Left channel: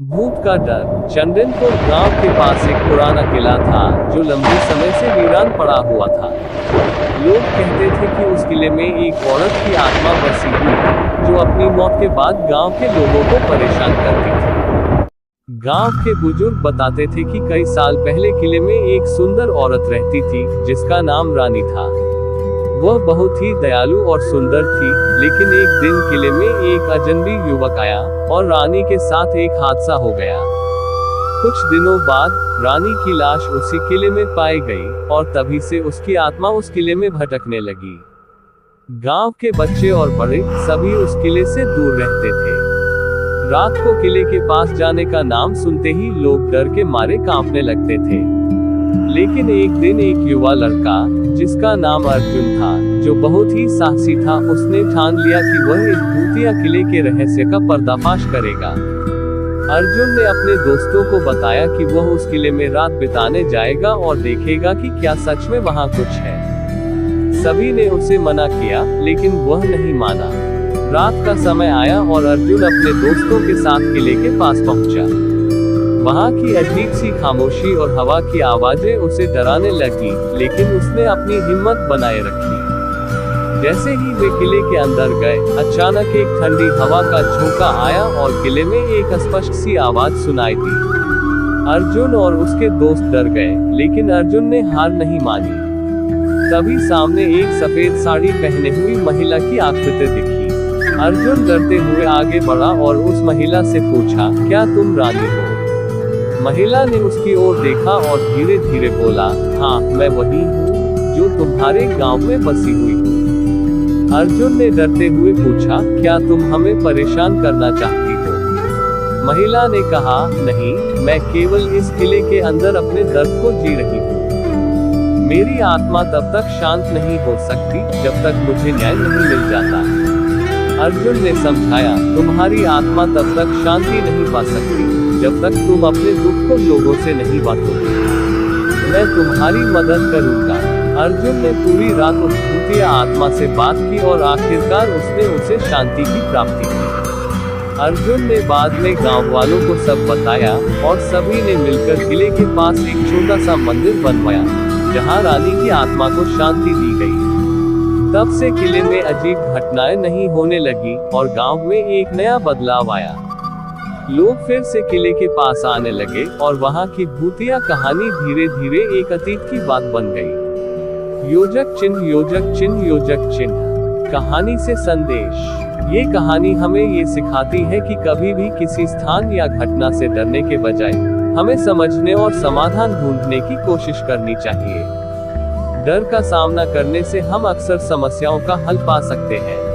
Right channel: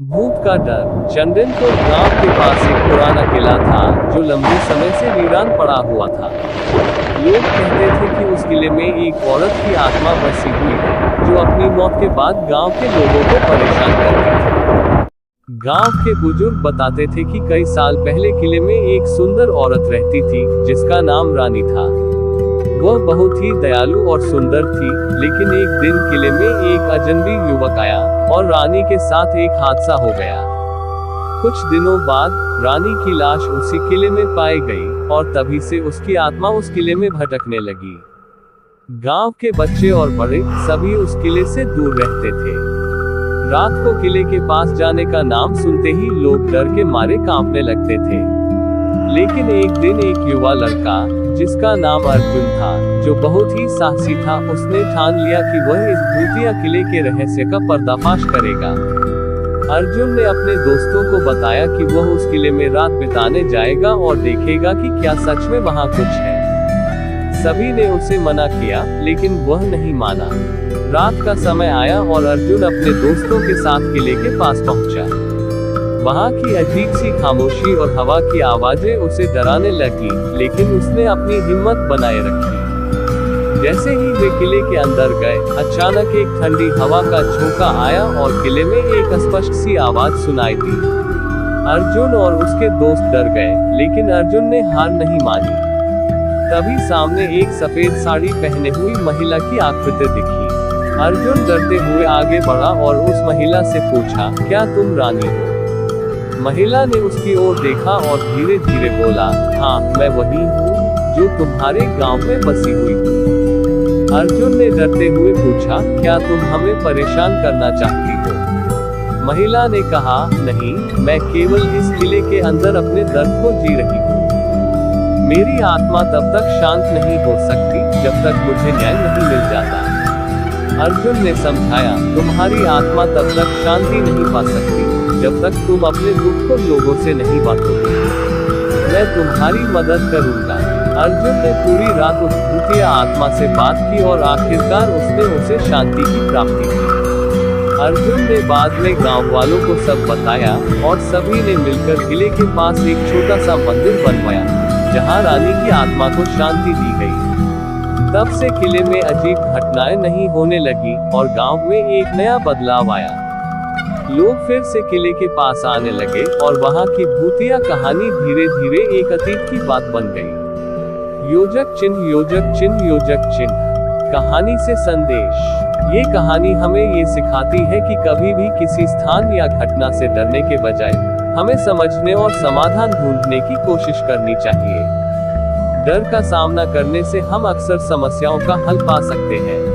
भूत का डर। चंदनपुर गांव के पास एक पुराना किला था जो लंबे समय से वीरान पड़ा हुआ था। लोग कहते थे कि उस किले में एक औरत की आत्मा बसी हुई है जो अपनी मौत के बाद गांव के लोगों को परेशान करती थी। गांव के बुजुर्ग बताते थे कि कई साल पहले किले में एक सुंदर औरत रहती थी जिसका नाम रानी था। वह बहुत ही दयालु और सुंदर थी, लेकिन एक दिन किले में एक अजनबी युवक आया और रानी के साथ एक हादसा हो गया। कुछ दिनों बाद रानी की लाश उसी किले में पाई गई और तभी से उसकी आत्मा उस किले में भटकने लगी। गांव के बच्चे और बड़े सभी उस किले से दूर रहते थे। रात को किले के पास जाने का नाम सुनते ही लोग डर के मारे कांपने लगते थे। लेकिन एक दिन एक युवा लड़का जिसका नाम अर्जुन था, जो बहुत ही साहसी था, उसने ठान लिया कि वह इस भूतिया किले के रहस्य का पर्दाफाश करेगा। अर्जुन ने अपने दोस्तों को बताया कि वह उस किले में रात बिताने जाएगा और देखेगा कि क्या सच में वहां कुछ है। सभी ने उसे मना किया, लेकिन वह नहीं माना। रात का समय आया और अर्जुन अपने दोस्तों के साथ किले के पास पहुंचा। वहां की अजीब सी खामोशी और हवा की आवाजें उसे डराने लगी, लेकिन उसने अपनी हिम्मत बनाए रखी। जैसे ही वे किले के अंदर गए, अचानक एक ठंडी हवा का झोंका आया और किले में एक अस्पष्ट सी आवाज सुनाई दी। अर्जुन और उसके दोस्त डर गए, लेकिन अर्जुन ने हार नहीं मानी। तभी सामने एक सफेद साड़ी पहने हुई महिला की आकृति दिखी। अर्जुन डरते हुए आगे बढ़ा और उस महिला से पूछा, क्या तुम रानी हो? महिला ने उसकी ओर देखा और धीरे धीरे बोला, हाँ, मैं वही हूँ जो तुम्हारे गांव में बसी हुई हूँ। अर्जुन ने डरते हुए पूछा, क्या तुम हमें परेशान करना चाहती हो? महिला ने कहा, नहीं, मैं केवल इस किले के अंदर अपने दर्द को जी रही हूँ। मेरी आत्मा तब तक शांत नहीं हो सकती जब तक मुझे न्याय नहीं मिल जाता। अर्जुन ने समझाया, तुम्हारी आत्मा तब तक शांति नहीं पा सकती जब तक तुम अपने दुख को लोगों से नहीं बांटोगे। मैं तुम्हारी मदद करूंगा। अर्जुन ने पूरी रात उस भूतिया आत्मा से बात की और आखिरकार उसने उसे शांति की प्राप्ति की। अर्जुन ने बाद में गांव वालों को सब बताया और सभी ने मिलकर किले के पास एक छोटा सा मंदिर बनवाया, जहां रानी की आत्मा को शांति दी गई। तब से किले में अजीब घटनाएं नहीं होने लगी और गांव में एक नया बदलाव आया। लोग फिर से किले के पास आने लगे और वहां की भूतिया कहानी धीरे धीरे एक अतीत की बात बन गई। योजक चिन्ह, योजक चिन्ह, योजक चिन्ह। कहानी से संदेश। ये कहानी हमें ये सिखाती है कि कभी भी किसी स्थान या घटना से डरने के बजाय हमें समझने और समाधान ढूंढने की कोशिश करनी चाहिए। डर का सामना करने से हम अक्सर समस्याओं का हल पा सकते हैं।